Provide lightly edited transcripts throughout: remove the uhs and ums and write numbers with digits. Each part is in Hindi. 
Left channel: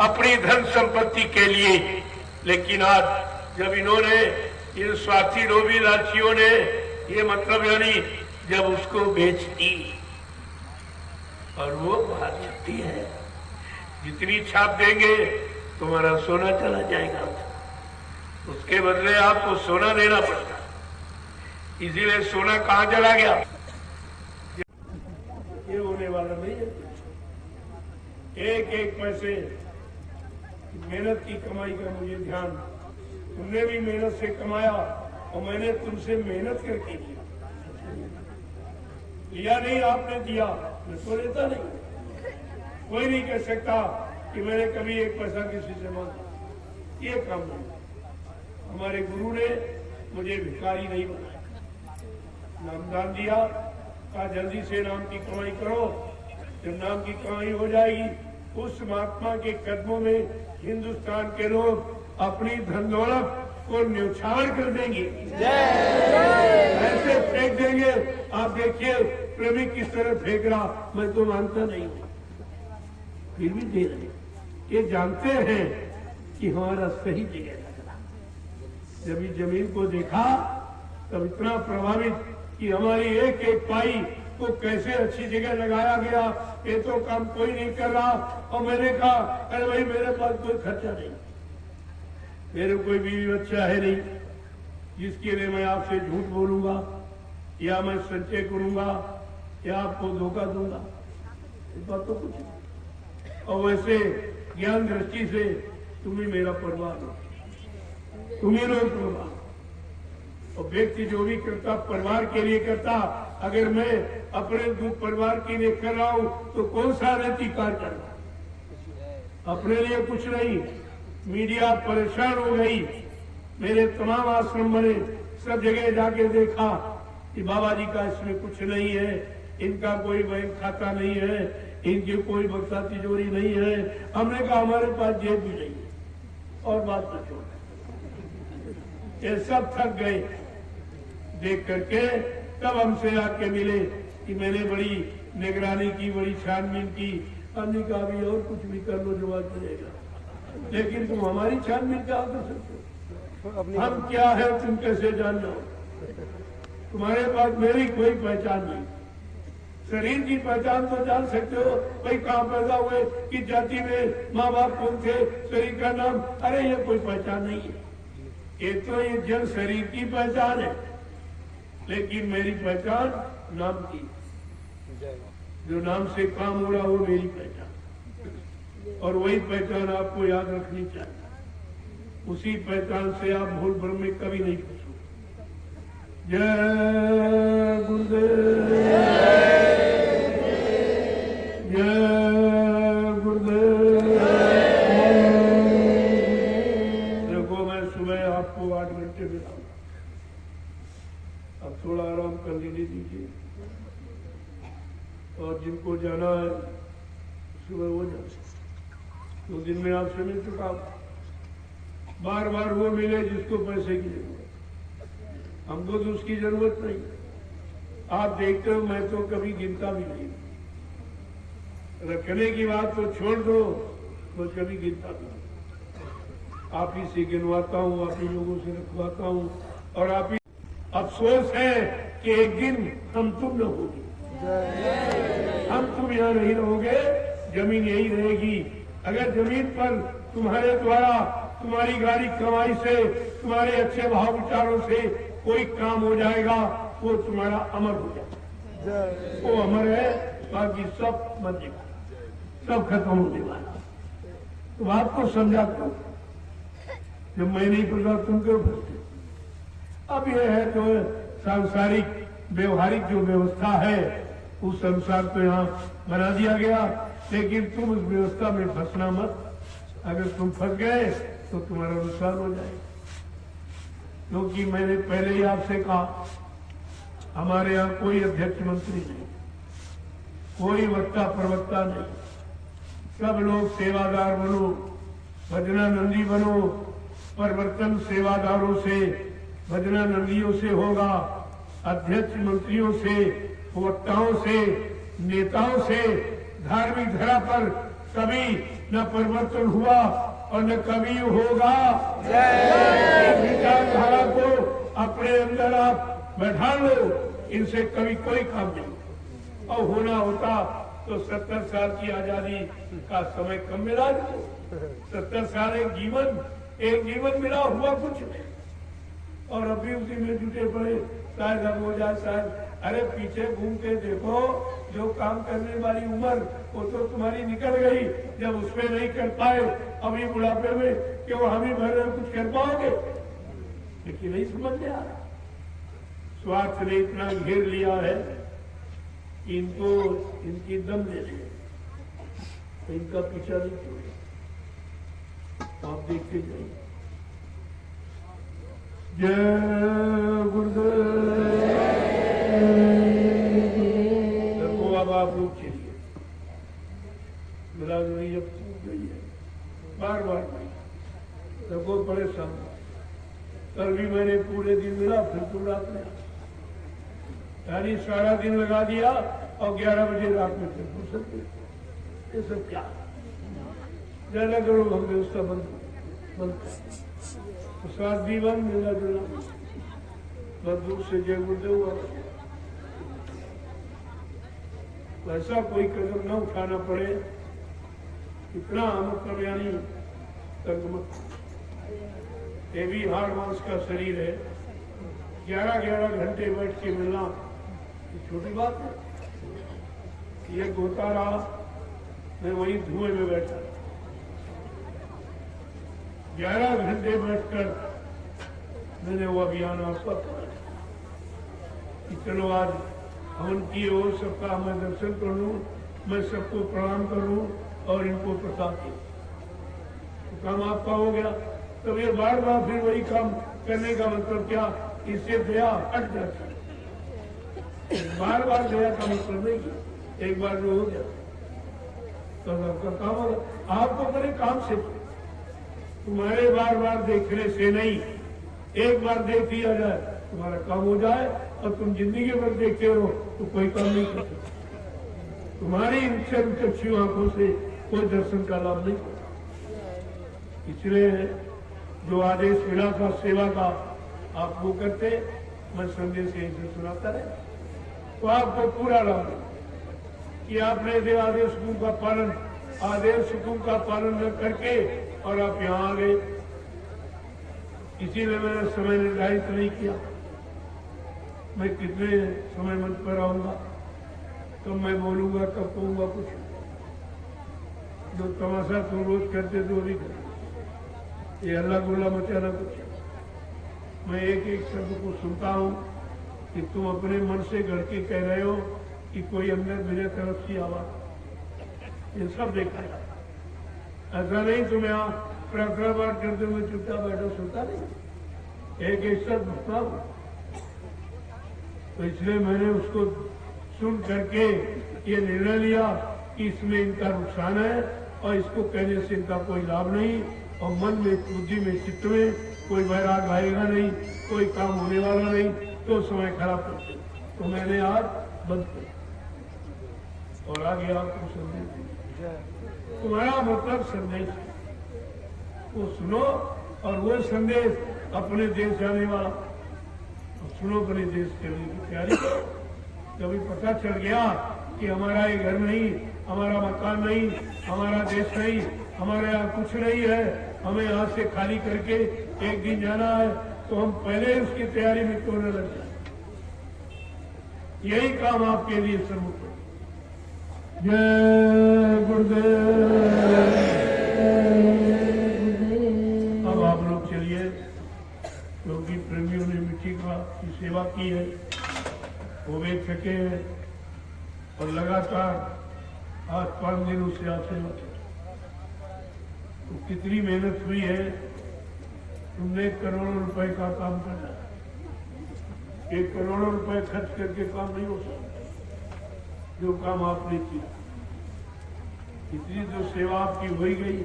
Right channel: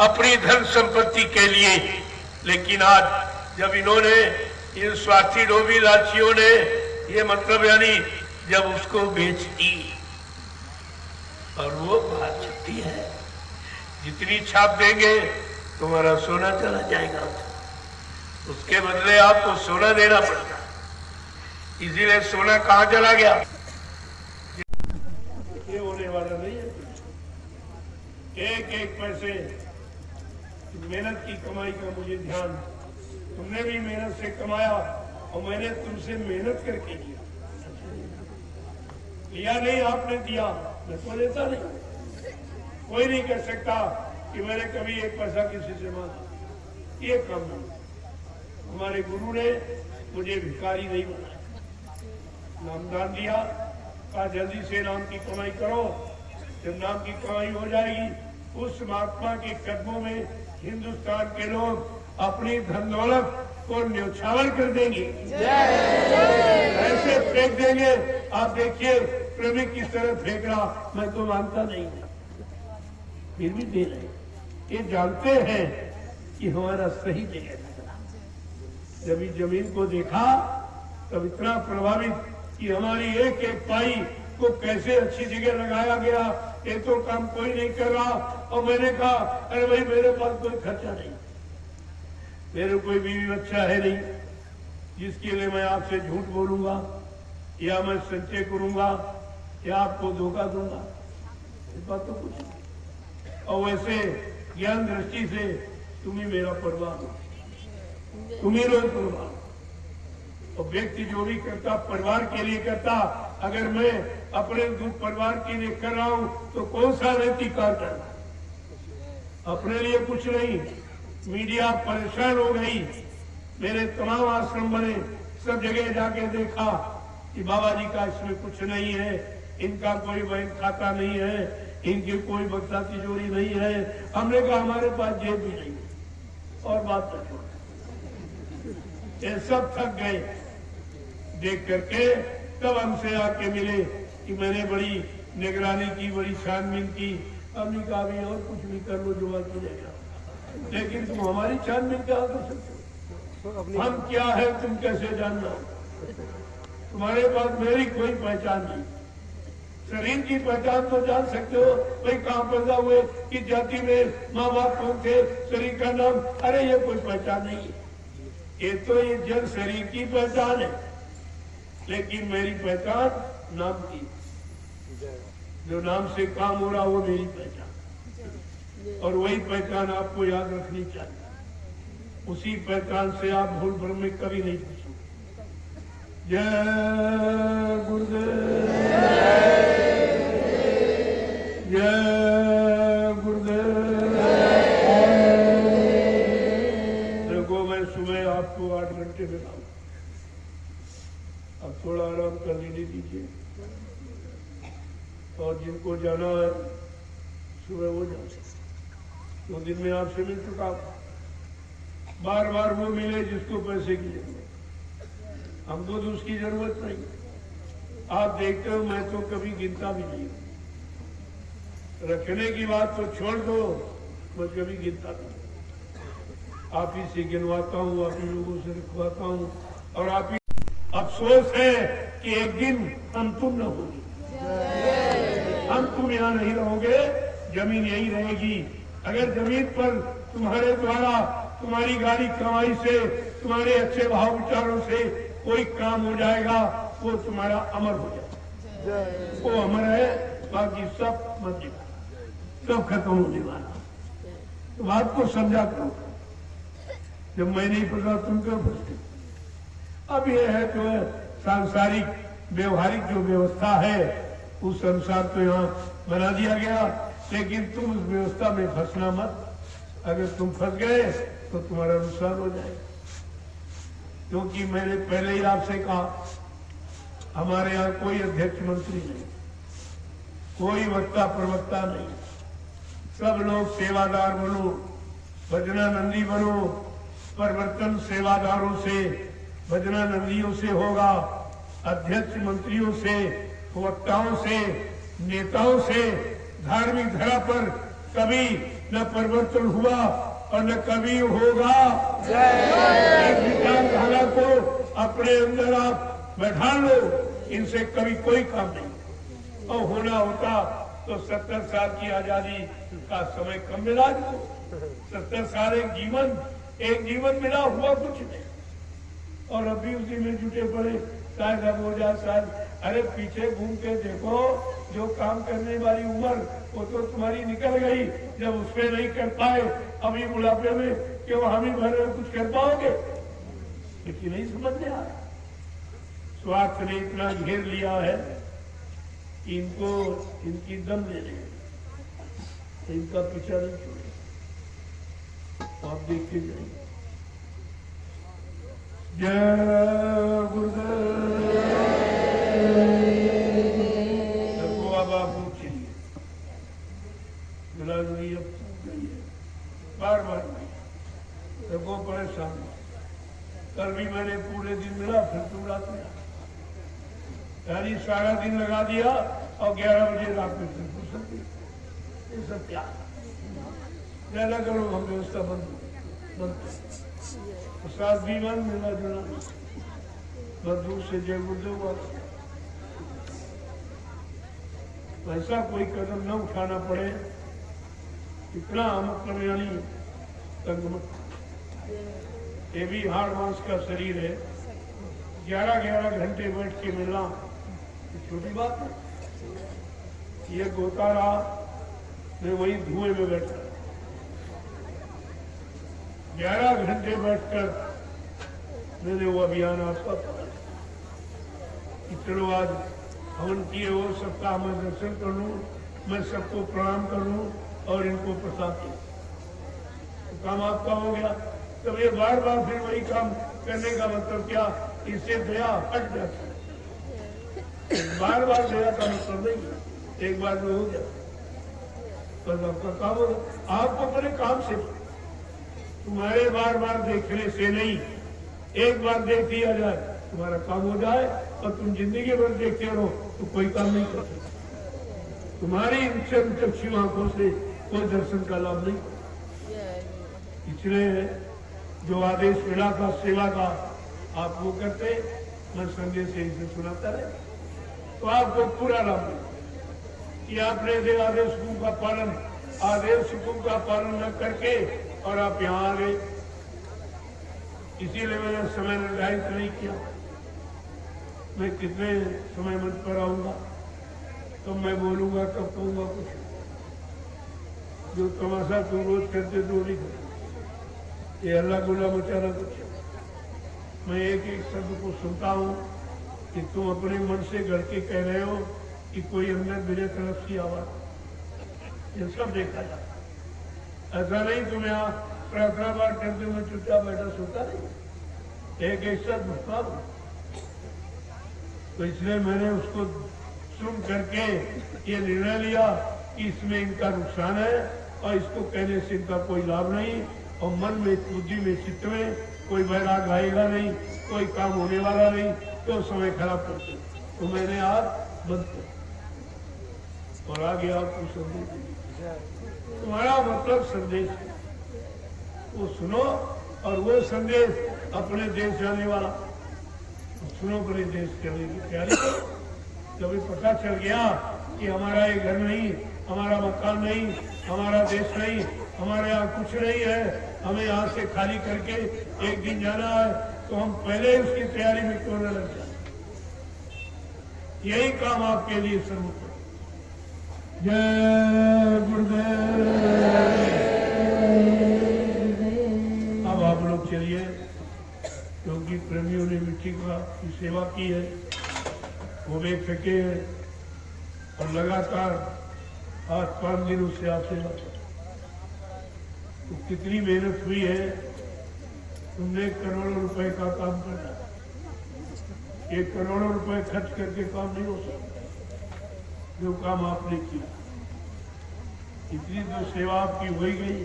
अपनी धन संपत्ति के लिए। लेकिन आज जब इन्होंने, इन स्वार्थी लोभी लालचियों ने, ये मतलब यानी जब उसको बेच दी और वो बात छुट्टी है, जितनी छाप देंगे तुम्हारा सोना चला जाएगा, उसके बदले आपको सोना देना पड़ता। इसीलिए सोना कहां चला गया, ये होने वाला नहीं है। एक एक पैसे मेहनत की कमाई का मुझे ध्यान, तुमने भी मेहनत से कमाया और मैंने तुमसे मेहनत करके दिया। लिया नहीं आपने दिया, मैं तो लेता नहीं। कोई नहीं कह सकता कि मैंने कभी एक पैसा किसी से मांगा, ये काम नहीं। हमारे गुरु ने मुझे भिखारी नहीं बनाया, नामदान दिया, कहा जल्दी से नाम की कमाई करो। जब नाम की कमाई हो जाएगी, उस महात्मा के कदमों में हिंदुस्तान के लोग अपनी धन दौलत को न्यौछावर कर देंगे, ऐसे फेंक देंगे। आप देखिए प्रेमी किस तरह फेंक रहा, मैं तो मानता नहीं, फिर भी दे रहे। ये जानते हैं कि हमारा सही जगह लगना। जब इस जमीन को देखा तब इतना प्रभावित कि हमारी एक एक पाई को कैसे अच्छी जगह लगाया गया, ये तो काम कोई नहीं कर रहा। और मैंने कहा अरे भाई मेरे पास कोई खर्चा नहीं, मेरे कोई बीवी बच्चा है नहीं जिसके लिए मैं आपसे झूठ बोलूंगा या मैं सच्चे करूंगा या आपको धोखा दूंगा, इस बात तो कुछ नहीं। और वैसे ज्ञान दृष्टि से तुम ही मेरा परिवार हो, तुम ही लोग परिवार। और व्यक्ति जो भी करता परिवार के लिए करता। अगर मैं अपने परिवार के लिए कर रहा हूं तो कौन सा नैतिक कार्य करना, अपने लिए कुछ नहीं। मीडिया परेशान हो गई, मेरे तमाम आश्रम बने, सब जगह जाके देखा कि बाबा जी का इसमें कुछ नहीं है, इनका कोई बैंक खाता नहीं है, इनकी कोई बक्सा तिजोरी नहीं है। हमने कहा हमारे पास जेब भी नहीं है। और बात तो छोड़, ये सब थक गए देख करके। तब हमसे आके मिले कि मैंने बड़ी निगरानी की, बड़ी छानबीन की। हमने कहा भी और कुछ भी कर लो जो बात मिलेगा, लेकिन तुम हमारी छानबीन क्या कर सकते हो? हम क्या है तुम कैसे जानना? तुम्हारे पास मेरी कोई पहचान नहीं। शरीर की पहचान तो जान सकते हो, भाई कहाँ पैदा हुए, कि जाति में माँ बाप कौन थे, शरीर का नाम, अरे ये कोई पहचान नहीं है। ये तो ये जल शरीर की पहचान है, लेकिन मेरी पहचान नाम की, जो नाम से काम हो रहा वो मेरी पहचान। और वही पहचान आपको याद रखनी चाहिए। उसी पहचान से आप भूल भ्रम में कभी नहीं पूछोगे। जय गुरुदेव, जय गुरुदेव। देखो मैं सुबह आपको 8 घंटे में, अब थोड़ा आराम कर लेने दीजिए। और जिनको जाना है सुबह वो जाए। तो दिन में आपसे मिल चुका, बार बार वो मिले जिसको पैसे की जरूरत, हमको तो उसकी जरूरत नहीं। आप देखते हो मैं तो कभी गिनता भी नहीं, रखने की बात तो छोड़ दो, मैं कभी गिनता भी नहीं। आप ही से गिनवाता हूँ, आप ही लोगों से रखवाता हूँ। और आप ही, अफसोस है कि एक दिन हम तुम न होगी, हम तुम यहाँ नहीं रहोगे, जमीन यही रहेगी। अगर जमीन पर तुम्हारे द्वारा, तुम्हारी गाड़ी कमाई से, तुम्हारे अच्छे भाव विचारों से कोई काम हो जाएगा, वो तुम्हारा अमर हो जाएगा, वो अमर है। बाकी सब मर जाएगा, सब खत्म होने वाला। तो आपको समझा करो, जब मैं नहीं पढ़ा तुम क्यों पढ़ते? अब यह है तो सांसारिक व्यवहारिक जो व्यवस्था है उस अनुसार तो यहाँ बना दिया गया, लेकिन तुम उस व्यवस्था में फंसना मत। अगर तुम फंस गए तो तुम्हारा नुकसान हो जाएगा। क्योंकि मैंने पहले ही आपसे कहा, हमारे यहाँ कोई अध्यक्ष मंत्री नहीं, कोई वक्ता प्रवक्ता नहीं, सब लोग सेवादार बनो, भजनानंदी बनो। परिवर्तन सेवादारों से, भजनानंदियों से होगा, अध्यक्ष मंत्रियों से, वक्ताओं से, नेताओं से। धार्मिक धरा पर कभी न परिवर्तन हुआ और न कभी होगा। इस विचारधारा को अपने अंदर आप बैठा लो, इनसे कभी कोई काम नहीं। और होना होता तो 70 साल की आजादी का समय कम मिला। 70 साल एक जीवन मिला, हुआ कुछ नहीं। और अभी उसी में जुटे पड़े, शायद अब हो जाए, शायद। अरे पीछे घूम के देखो, जो काम करने वाली उम्र वो तो तुम्हारी निकल गई। जब उसमें नहीं कर पाए अभी बुढ़ापे में, क्यों हम ही भर कुछ कर पाओगे? लेकिन नहीं समझ में आ रहा। स्वार्थ ने इतना घेर लिया है कि इनको इनकी दम ले ले, तो इनका पीछा नहीं छोड़े। आप देखते जाइए। जय गुरुदेव। आप लोग चलिए, बिरादरी अब टूट गई है, बार बार नहीं रखो परेशान। कल भी मैंने पूरे दिन मिला, फिर तो रात में, यानी सारा दिन लगा दिया और 11 बजे रात में फिर फुर्सत गई। ये सब क्या ज्यादा करो, हम व्यवस्था बंद प्रसाद भी बंद, मिला जुला बस दूर से जय गुरुदेव। ऐसा कोई कदम न उठाना पड़े, इतना अमुकल्याणी ये भी हाड़ मांस का शरीर है। 11-11 घंटे बैठ के मिलना ये छोटी बात है। ये गोता रहा, मैं वही धुएं में बैठा 11 घंटे बैठकर मैंने वो अभियान आपका चलो आज हवन किए हो, सबका मैं दर्शन कर लूं, मैं सबको प्रणाम करूं और इनको प्रसाद दूं, तो काम आपका हो गया। तब ये बार बार फिर वही काम करने का मतलब क्या? इससे दया हट जाती है। बार बार दया का मतलब नहीं, एक बार में हो गया तब आपका काम होगा। आपको बड़े काम से, तुम्हारे बार बार देखने से नहीं, एक बार देख लिया जाए तुम्हारा काम हो जाए, और तुम जिंदगी भर देखते रहो तो कोई काम नहीं कर सकते। तुम्हारी चक्षु आंखों से कोई दर्शन का लाभ नहीं। इसलिए जो आदेश मिला था सेवा का, आप वो करते, मैं संदेश से सुनाता रहे, तो आपको पूरा लाभ कि आपने दे आदेश का पालन, आदेश का पालन न करके और आप यहाँ आ गए। इसीलिए मैंने समय निर्धारित नहीं किया, मैं कितने समय मंच पर आऊंगा, तो मैं बोलूंगा, कब कहूंगा, कुछ जो तमाशा तुम रोज करते तो नहीं करते। ये अल्लाह गुल्ला मचाना कुछ। मैं एक एक शब्द को सुनता हूँ कि तुम अपने मन से गढ़ के कह रहे हो कि कोई अंदर मेरे तरफ की आवाज, ये सब देखा जाए। ऐसा नहीं तुम यहाँ प्रार्थना पाठ करते हुए चुपचाप बैठा सुनता नहीं, एक एक शब्द सुनता हूँ। तो इसलिए मैंने उसको सुन करके ये निर्णय लिया कि इसमें इनका नुकसान है और इसको कहने से इनका कोई लाभ नहीं, और मन में, बुद्धि में, चित्त में कोई वैराग आएगा नहीं, कोई काम होने वाला नहीं, तो समय खराब करते। तो मैंने आज बंद किया और आ गया आपको संदेश। तुम्हारा मतलब संदेश है, वो सुनो, और वो संदेश अपने देश जाने वाला सुनो, अपने देश करने की तैयारी करो। कभी पता चल गया कि हमारा ये घर नहीं, हमारा मकान नहीं, हमारा देश नहीं, हमारे यहाँ कुछ नहीं है, हमें यहाँ से खाली करके एक दिन जाना है, तो हम पहले उसकी तैयारी में क्यों न लग जाए? यही काम आपके लिए सम्मुख है। जय गुरुदेव। अब आप लोग चलिए, क्योंकि प्रेमियों ने मिट्टी की सेवा की है, वो भी थके हैं और लगातार 8-5 दिनों से आप सेवा की। तो कितनी मेहनत हुई है, तुमने करोड़ों रुपए का काम करना, 1 करोड़ रुपए खर्च करके काम नहीं हो सकता। जो काम आपने किया, इतनी जो सेवा आपकी हो गई,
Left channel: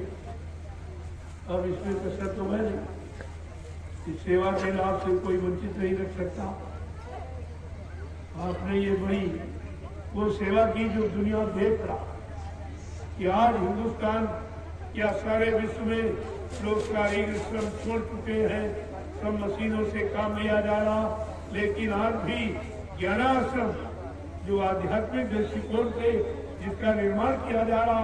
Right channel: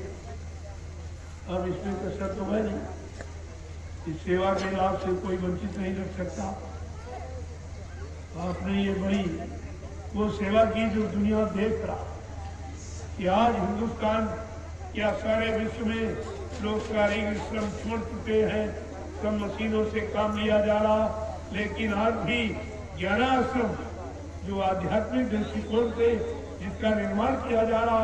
अब इसमें कसर तो है नहीं। इस सेवा के लाभ से कोई वंचित नहीं रख सकता। आपने ये बड़ी वो सेवा की जो दुनिया देख रहा कि आज हिंदुस्तान या सारे विश्व में लोग शारीरिक श्रम छोड़ चुके हैं, सब मशीनों से काम लिया जा रहा, लेकिन आज भी ज्ञानाश्रम जो आध्यात्मिक दृष्टिकोण से जिसका निर्माण किया जा रहा,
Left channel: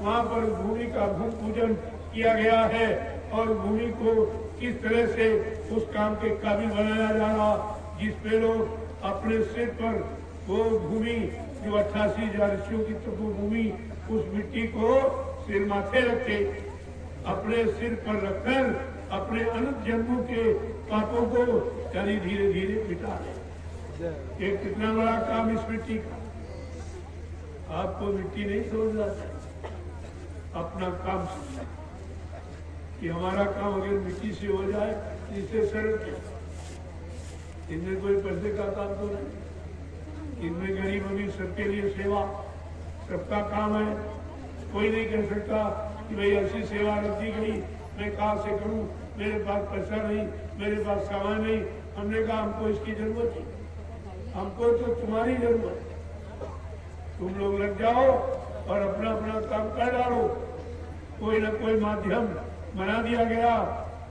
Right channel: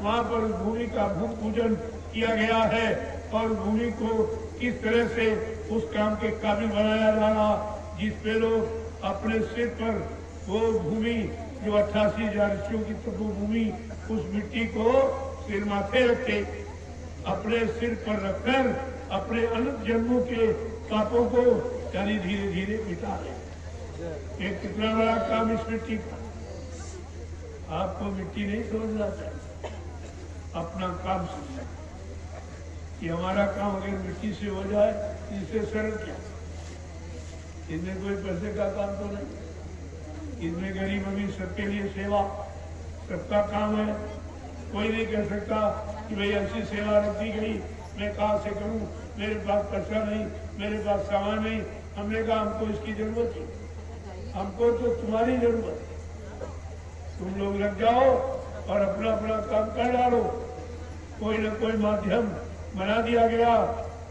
वहाँ पर भूमि का भूमि पूजन किया गया है और भूमि को किस तरह से उस काम के काबिल बनाया जा रहा, जिसपे लोग अपने सिर पर वो भूमि जो 88,000 ऋषियों की तपोभूमि, उस मिट्टी को सिर माथे रखे, अपने सिर पर रखकर अपने अनंत जन्मों के पापों को यानी धीरे धीरे मिटा रहे। ये कितना बड़ा काम इस मिट्टी का। आपको मिट्टी नहीं समझना चाहिए, अपना काम समझना कि हमारा काम अगर मिट्टी से हो जाए इससे सरल क्या, इनमें कोई पैसे का काम तो नहीं, इनमें गरीब अमीर सबके लिए सेवा, सबका काम है। कोई नहीं कह सकता कि भाई ऐसी सेवा रख दी गई, मैं कहाँ से करूं, मेरे पास पैसा नहीं, मेरे पास सामान नहीं। हमने कहा हमको इसकी जरूरत है, हमको तो तुम्हारी जरूरत है, तुम लोग लग जाओ और अपना अपना काम कर डालो। कोई न कोई माध्यम बना दिया गया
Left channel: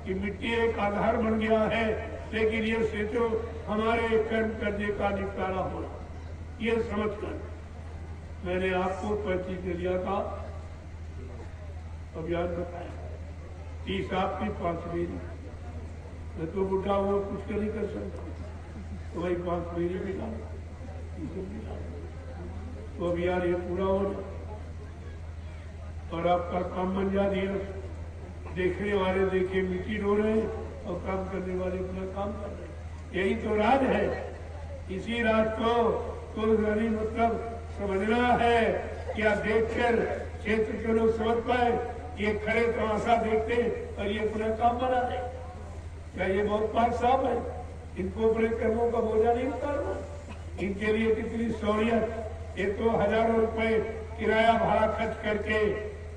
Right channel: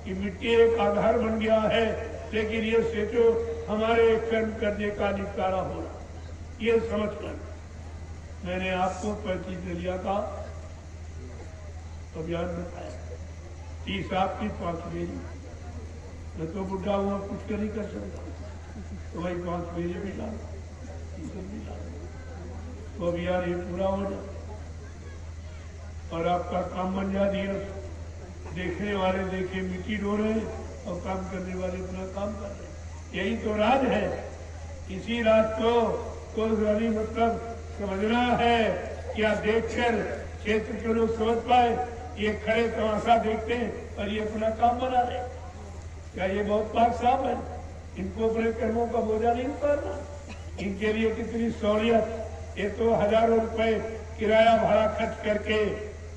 कि मिट्टी एक आधार बन गया है, लेकिन ये सोचो हमारे कर्म करने का निपटारा होना, ये समझकर मैंने आपको 35 में लिया था, अब याद बताया 30 आपकी 5 मेरी, मैं तो बुढ़ा हुआ कुछ नहीं कर सकता, तो भाई 5 मेरे मिला, 30 मिला, तो अब यार ये पूरा हो जाए और आपका काम बन जा दिया। देखने वाले देखे मिट्टी डो रहे और काम करने वाले अपना काम कर रहे, यही तो राज है। इसी राज को मतलब समझना है, क्या देखकर क्षेत्र के लोग समझ पाए, ये खड़े तमाशा देखते और ये अपना काम बना रहे, क्या ये बहुत पाक साहब है, इनको अपने कर्मों का बोझा नहीं उतारना, इनके लिए कितनी सहूलियत। ये तो हजारों रुपए किराया भाड़ा खर्च करके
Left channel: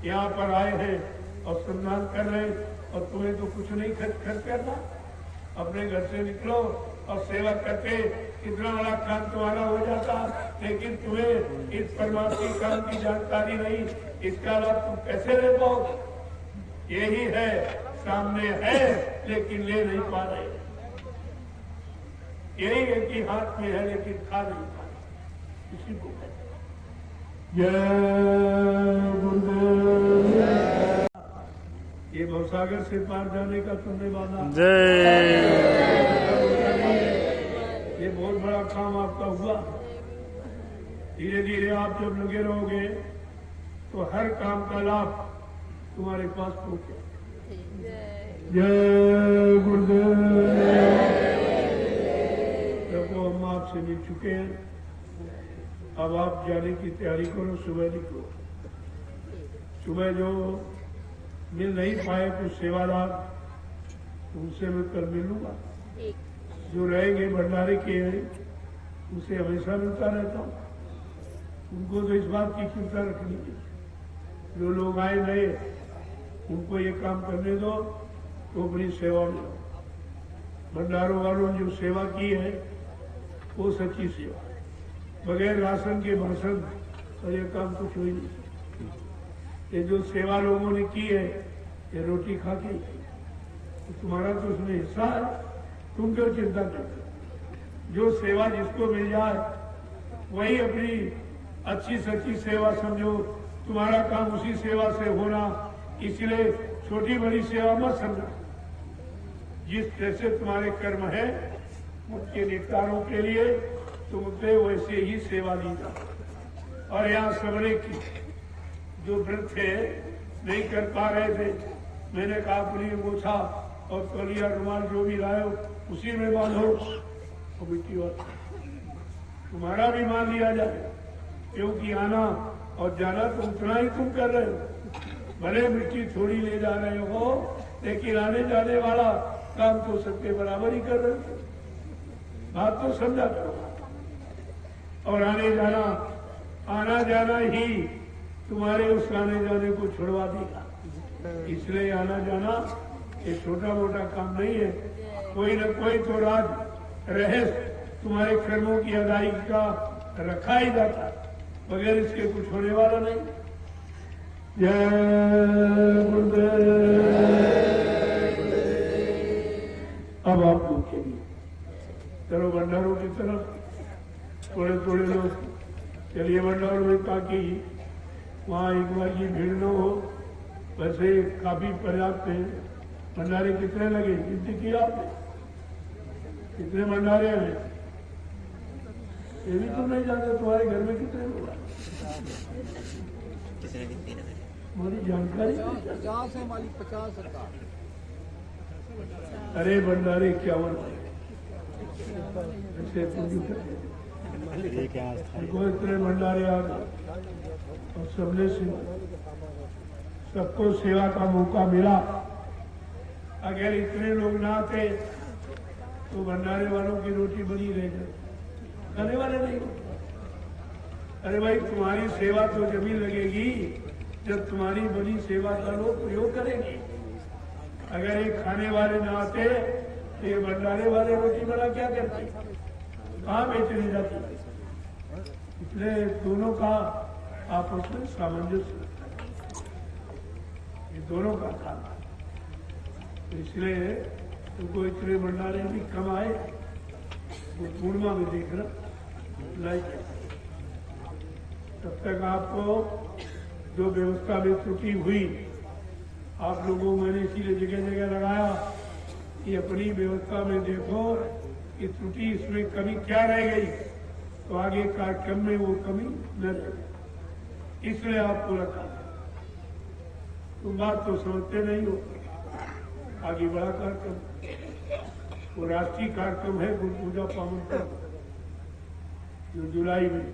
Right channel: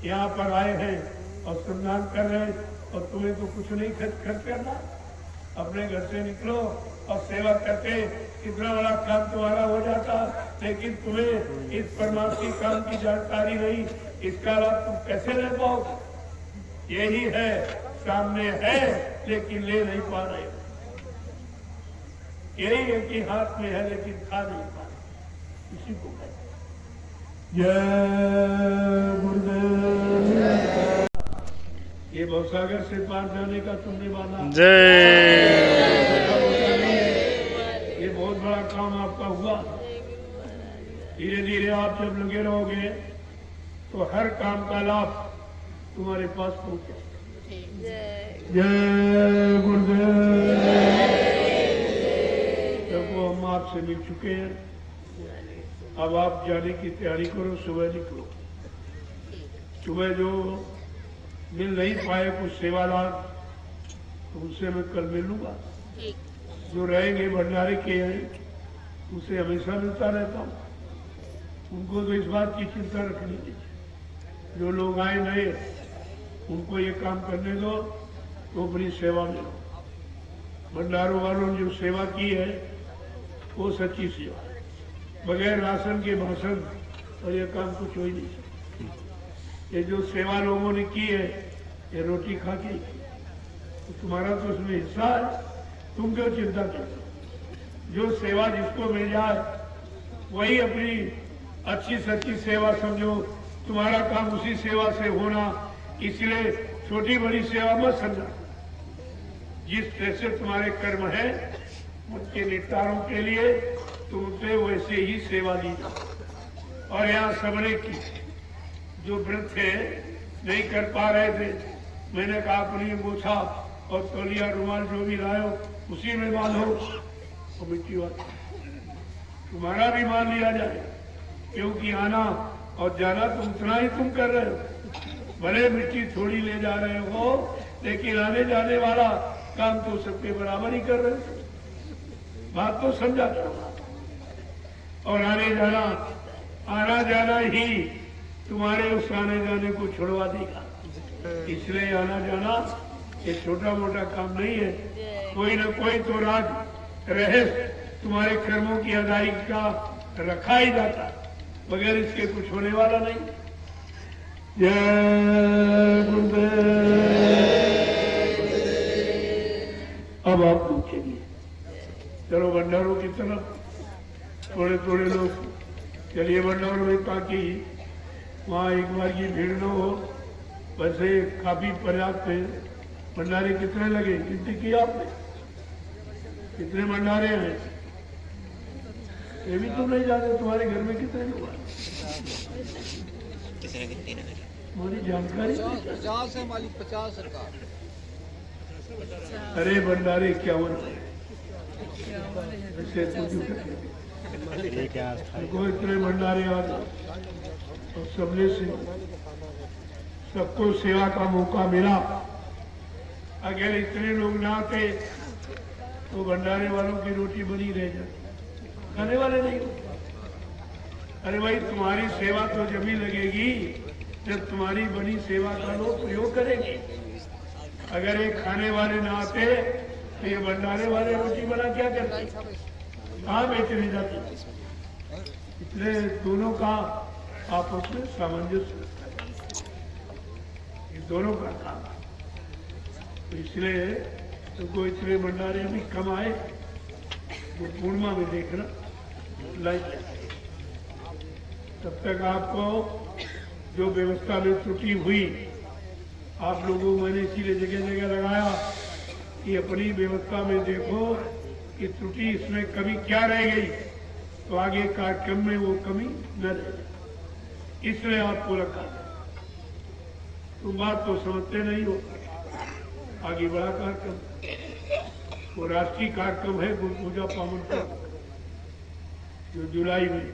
यहाँ पर आए हैं और सम्मान कर रहे हैं, और तुम्हें तो कुछ नहीं खर्च करना, अपने घर से निकलो और सेवा करते कितना बड़ा काम तुम्हारा हो जाता। लेकिन तुम्हें इस परमात्मा काम की जानकारी नहीं, इसका लाभ तुम कैसे ले पाओ। यही है, सामने है लेकिन ले नहीं पा रहे, यही है कि हाथ में है लेकिन खा नहीं पा रहे, इसी को है। जय गुरुदेव। ये भवसागर से पार जाने का तुमने माना, ये बहुत बड़ा काम आपका हुआ। धीरे धीरे आप जब लगे रहोगे तो हर काम का लाभ तुम्हारे पास पहुंचे। जय गुरुदेव। देखो हम आपसे मिल चुके हैं, अब आप जाने की तैयारी करो। सुबह निकलो, सुबह जो मिल नहीं पाए कुछ सेवादार, तो उनसे मैं कल मिलूंगा। जो रहेंगे भंडारे के हैं उसे हमेशा मिलता रहता हूँ, उनको तो इस बात की चिंता रखनी है। जो लोग आए नए उनको ये काम करने दो तो अपनी सेवा में। भंडारों वालों ने जो सेवा की है वो सच्ची सेवा, बगैर राशन के भाषण और ये काम कुछ हो ही नहीं। ये जो सेवा लोगों ने की है ये रोटी खा के, तो तुम्हारा तो उसमें हिस्सा है, तुम क्यों चिंता करते। जो सेवा जिसको मिल जाए वही अपनी अच्छी सच्ची सेवा समझो, तुम्हारा काम उसी सेवा से होना। इसलिए छोटी बड़ी सेवा मत समझो, जिस तरह से तुम्हारे कर्म है उनके निपटारों के लिए तुमसे वैसे ही सेवा दी जाए। और यहाँ सबने की जो व्रत थे नहीं कर पा रहे थे, मैंने कहा अपनी अंगूठा और तौलिया रुमाल जो भी लाओ उसी में बांधो, तो मिट्टी वाला तुम्हारा भी मान लिया जाए, क्योंकि आना और जाना तो उतना ही तुम कर रहे हो। भले मिट्टी थोड़ी ले जा रहे हो, लेकिन आने जाने वाला काम तो सबके बराबर ही कर रहे हो। बात तो समझा करो। और आना जाना ही तुम्हारे उस आने जाने को छुड़वा देगा। इसलिए आना जाना ये छोटा मोटा काम नहीं है, कोई न कोई तो राज रहे तुम्हारे कर्मों की अदायगी का रखा ही जाता, बगैर इसके कुछ होने वाला नहीं। जय गुरुदेव। अब आप लोग चलिए, चलो भंडारों की तरफ थोड़े थोड़े लोग चलिए भंडारों में, ताकि वहाँ एक बार की भीड़ न हो। वैसे काफी पर्याप्त है। भंडारे कितने लगे, गिनती की आपने? कितने भंडारे हैं? ये भी तो नहीं जाते तुम्हारे घर में कितने लोग? मेरी जानकारी 50 है मालिक, 50 है। अरे भंडारे 51 ऐसे तुमको इतने भंडारे आ गए और सबने से सबको सेवा का मौका मिला। अगर इतने लोग ना थे तो भंडारे वालों की रोटी बनी रह जाती, खाने वाले नहीं होते। अरे भाई, तुम्हारी सेवा तो जब ही लगेगी जब तुम्हारी बनी सेवा का लोग प्रयोग करेंगे। अगर ये खाने वाले ना आते तो ये भंडारे वाले रोटी बना क्या करते, कहाँ बेचने जाते? इसलिए दोनों का आपस में सामंजस्य, ये दोनों का काम। तो इसलिए तुमको इतने भंडारे भी कम आए तो पूर्णिमा में देखना लाइक। तब तक आपको जो व्यवस्था में त्रुटि हुई, आप लोगों को मैंने इसीलिए जगह जगह लगाया कि अपनी व्यवस्था में देखो कि त्रुटि इसमें कमी क्या रह गई, तो आगे कार्यक्रम में वो कमी न रहे, इसलिए आपको रखा। तुम बात तो समझते नहीं हो। आगे बड़ा कार्यक्रम, वो राष्ट्रीय कार्यक्रम है गुरु पूजा पावन पर्व, जो जुलाई में,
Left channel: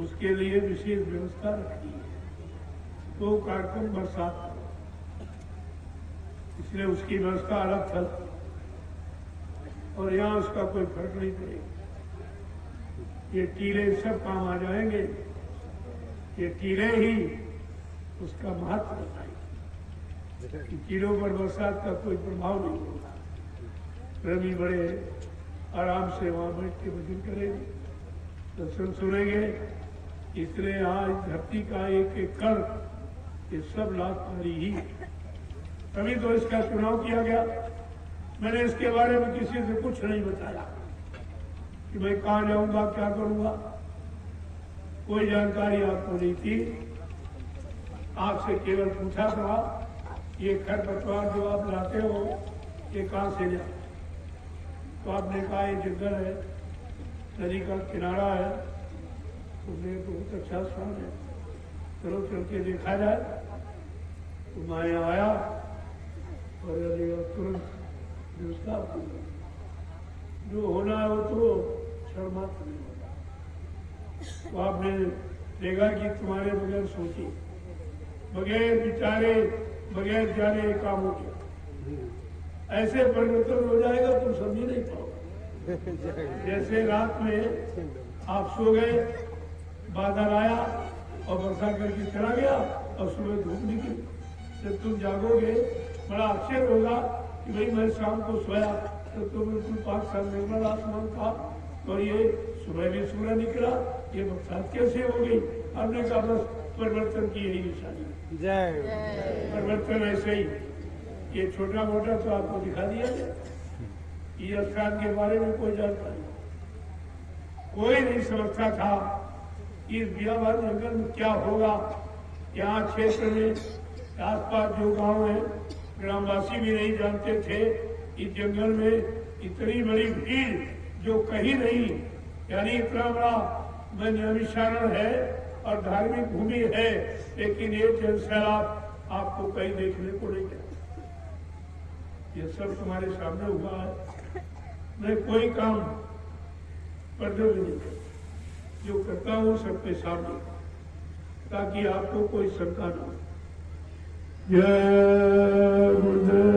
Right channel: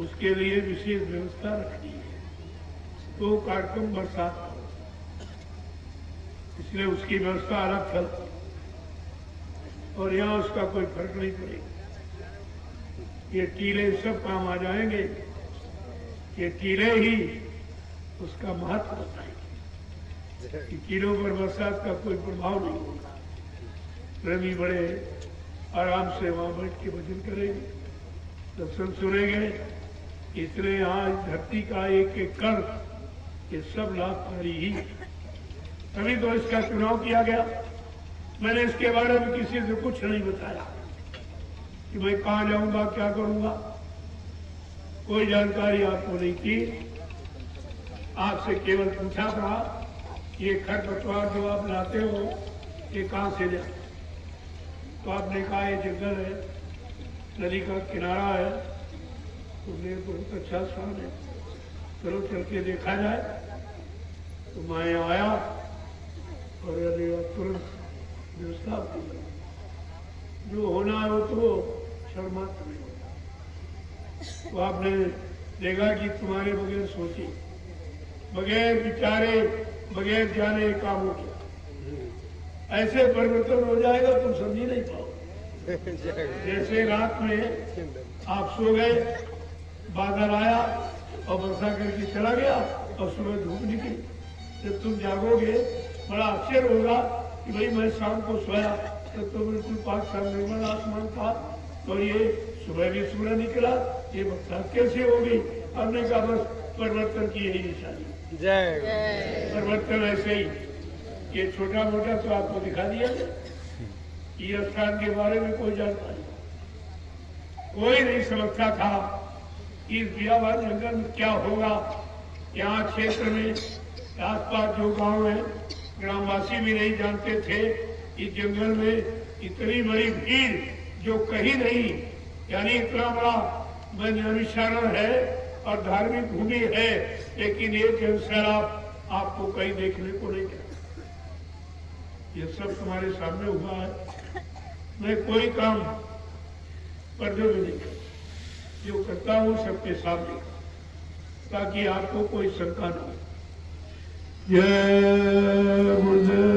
उसके लिए विशेष व्यवस्था रखी है। तो कार्यक्रम बरसात, इसलिए उसकी व्यवस्था अलग चलती और यहाँ उसका कोई फर्क नहीं पड़ेगा। ये टीले सब काम आ जाएंगे, ये टीले ही उसका महत्व बताएंगे कि टीलों पर बरसात का कोई प्रभाव नहीं होगा। प्रेमी बड़े आराम से वहां बैठ के भजन करेंगे, दर्शन सुनेंगे। इसलिए यहाँ इस धरती का एक एक कर ये सब लाभकारी ही है। तभी तो इसका चुनाव किया गया। मैंने इसके बारे में किसी से कुछ नहीं बताया कि भाई कहाँ जाऊंगा, क्या करूंगा, कोई जानकारी आपको नहीं थी। आपसे केवल पूछा था ये खरपतवार जो आप लाते हो ये कहाँ से ले, तो आपने कहा ये जंगल है, नदी का किनारा है। तुमने बहुत अच्छा स्थान है, चलो चल के देखा जाए। तो मैं आया और तुरंत व्यवस्था जो होना है वो तो क्षण मात्र में होगा। तो आपने देखा कि तुम्हारे बगैर सोचे, बगैर विचारे, बगैर जाने काम हो गया। ऐसे परिवर्तन हो जाएगा तुम समझ नहीं पाओगे। जैसे रात में आप सो गए, बादल आया और वर्षा करके चला गया और सुबह धूप निकली, जब तुम जागोगे बड़ा आश्चर्य होगा कि भाई मैं शाम को सोया तो बिल्कुल पाक साल निर्मल आसमान था और ये सुबह भी सूर्य निकला, ये बरसात कैसे हो गई? हमने कहा बस परिवर्तन की यही निशानी। जय परिवर्तन ऐसे ही, ये छोटा मोटा तो आपको दिखा दिया ये स्थान के बारे में कोई जानता नहीं, कोई नहीं समझता था कि इस बियाबान जंगल में क्या होगा। यहाँ क्षेत्र में आसपास जो गांव है, ग्रामवासी भी नहीं जानते थे इस जंगल में इतनी बड़ी भीड़ जो कहीं नहीं, यानी इतना बड़ा निशारण है और धार्मिक भूमि है, लेकिन ये जनसैलाब आपको कहीं देखने को नहीं मिलता। ये सब तुम्हारे सामने हुआ है। मैं कोई काम पर्दे में नहीं करता, जो करता हूँ सबके सामने, ताकि आपको कोई शंका न हो। जय गुरुदेव।